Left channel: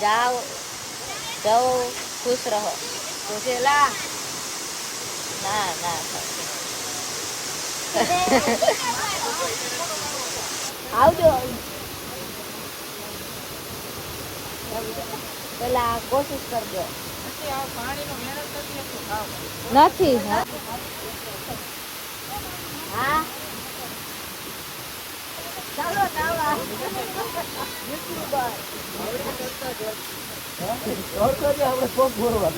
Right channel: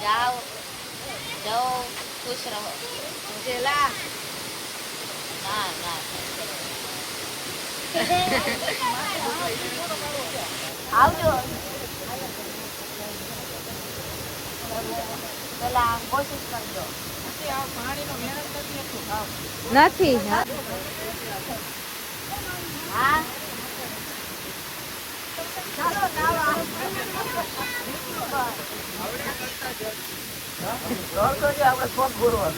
જાઓ જાઓ ખુશ રહો ના ના આવજો પેલા કોશિશ કરજો નથી હા હા ચાલો દાવા આપણે શોખ બોલવા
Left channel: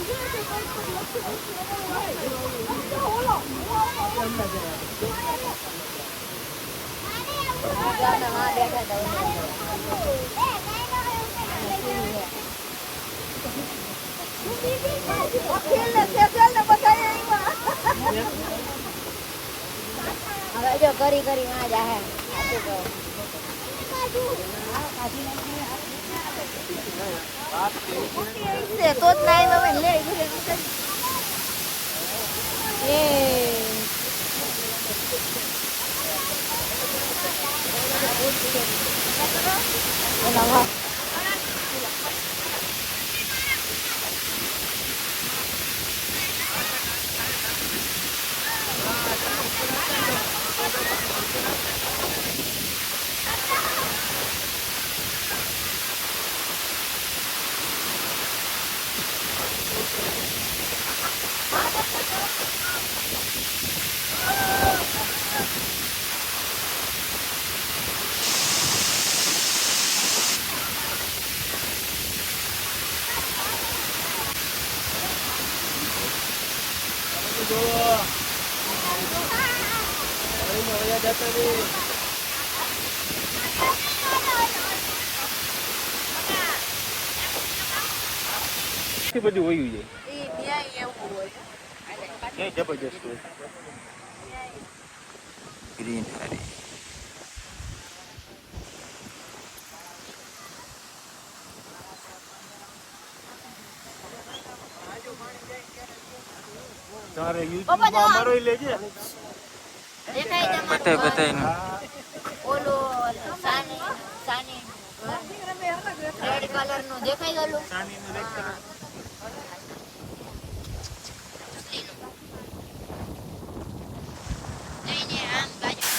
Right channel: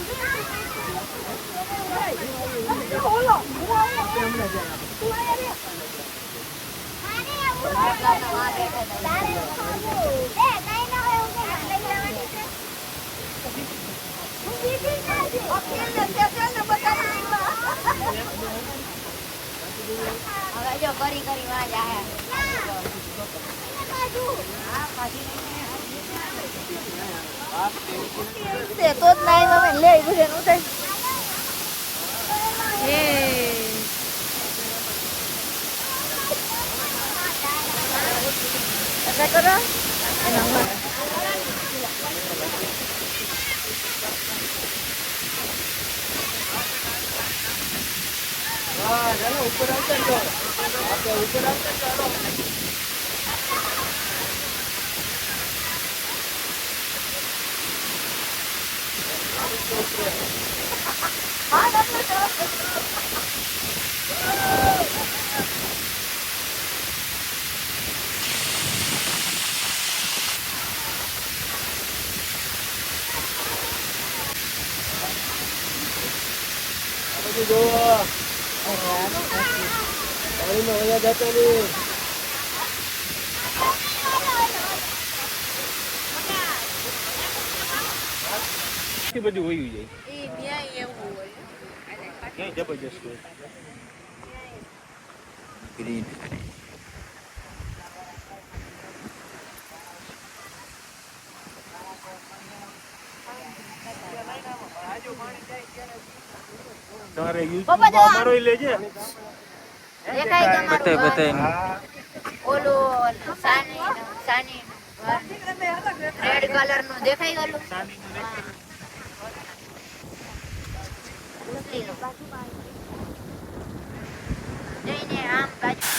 કરી કરી માં જાય તો જ નાઈ મમ્મી લે ઘરે નું થાય એ કરો એના બધું વયું જાય ક્યાંય જબરજસ્ત હોય ગ્રીન હરી તારે યુટ્યુબ મારો લેજે બતાય ઓલું સાની સાની રેડ કલર નું દેખાય ઓલું આમ બાજુ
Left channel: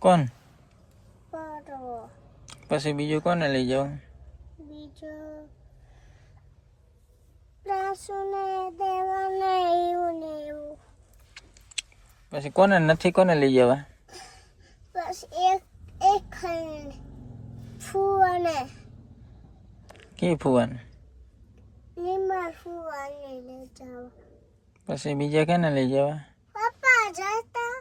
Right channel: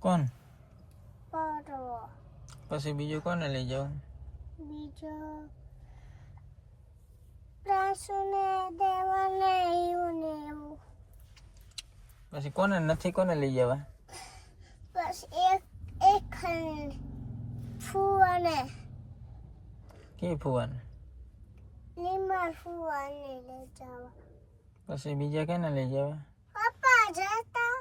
કોણ પછી બીજું કોને લઈ જાવ બીજો રાસુને દેવાને એવું ને એવું પછી કોને નથી કોને લઈ જવા બસ એક ફુવાને કે ફુવાન લીમા ફુવાને લઈ જવા પછી બીજા કેને લઈ જવા પપ્પા જતા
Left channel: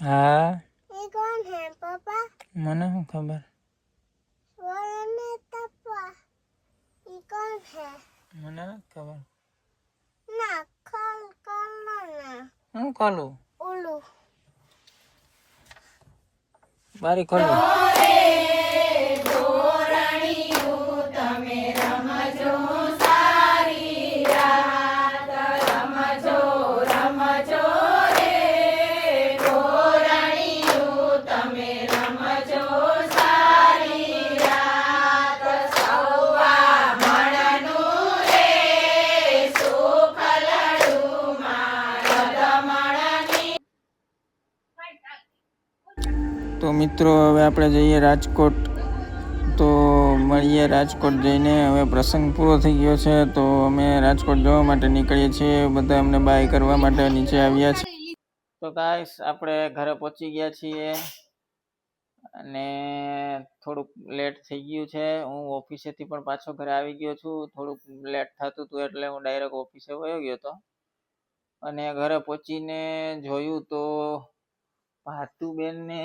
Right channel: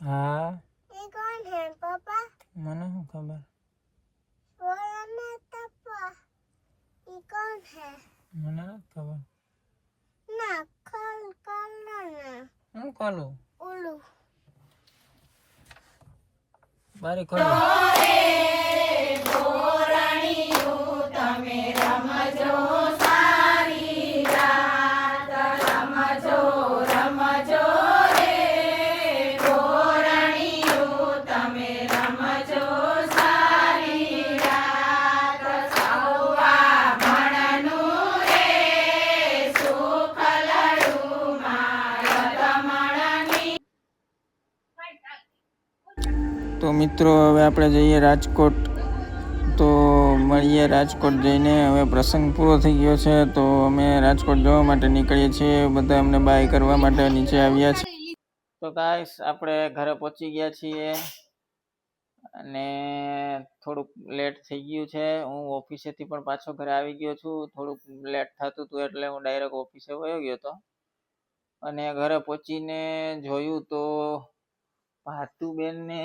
હા એ કોણ હે પપ્પા મને શું ખબર સોરાને તપ્પા એ કોણ હે મને ખબર ના કલ ના હું કાલું ઓલું બારી ખોલો તમે રમજો સારી રાત રમજો રમજો રે ગોરણીયું તમે રમજો સારી રાત સૌવા મણનું રે સુખ લડું મારમણની. તો મિત્રો હવે આપણે જઈએ રાજકોટ તો મળીએ રાજકોટ જઈને હવે પ્રસંગ પૂરો થઈ ગયો છે તો અમે રાજકોટ જવા માટે નીકળીએ છીએ બધા અમને બાય કરવા માટે નીચે આવ્યા છે. તો ગાઈસ આપણે ઘરે પહોંચી ગયા છીએ અને થોડુંક લેટ થઈ ગયું છે. હું ઓફિસેથી પણ પાછો ઘરે આવી ગયો છું. થોડુંક લેટ થતું હતું એટલે હું ડાયરેક્ટ ઓફિસે વયો ગયો હતો અને ઘરે પહોંચીને જોયું તો ભાતુબેનને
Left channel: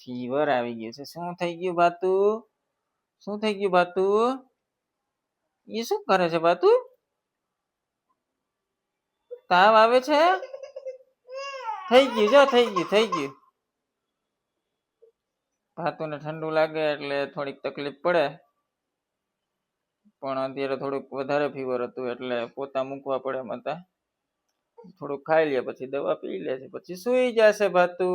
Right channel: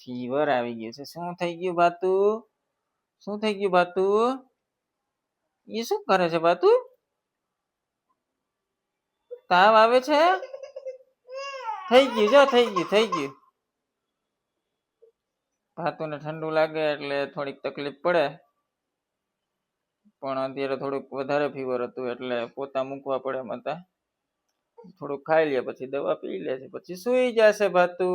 ફીવર આવી ગયું છે. શું થઈ ગયું ભાતુ? શું થઈ ગયું ભાતુ? એ શું કરે છે ભાતુ? તાવ આવે છે? થઈ ગયું જો થઈ ગયું. ભાતુને ઠંડુ લાગે એટલે થોડીક તકલીફ પડે, પણ અત્યારે થોડુંક વધારે ફીવર હતું એટલે પોતા મૂકવા પડે માતા. થોડુંક ખાઈ લે પછી દવા પી લે છે પછી સુઈ જશે ભાતુ.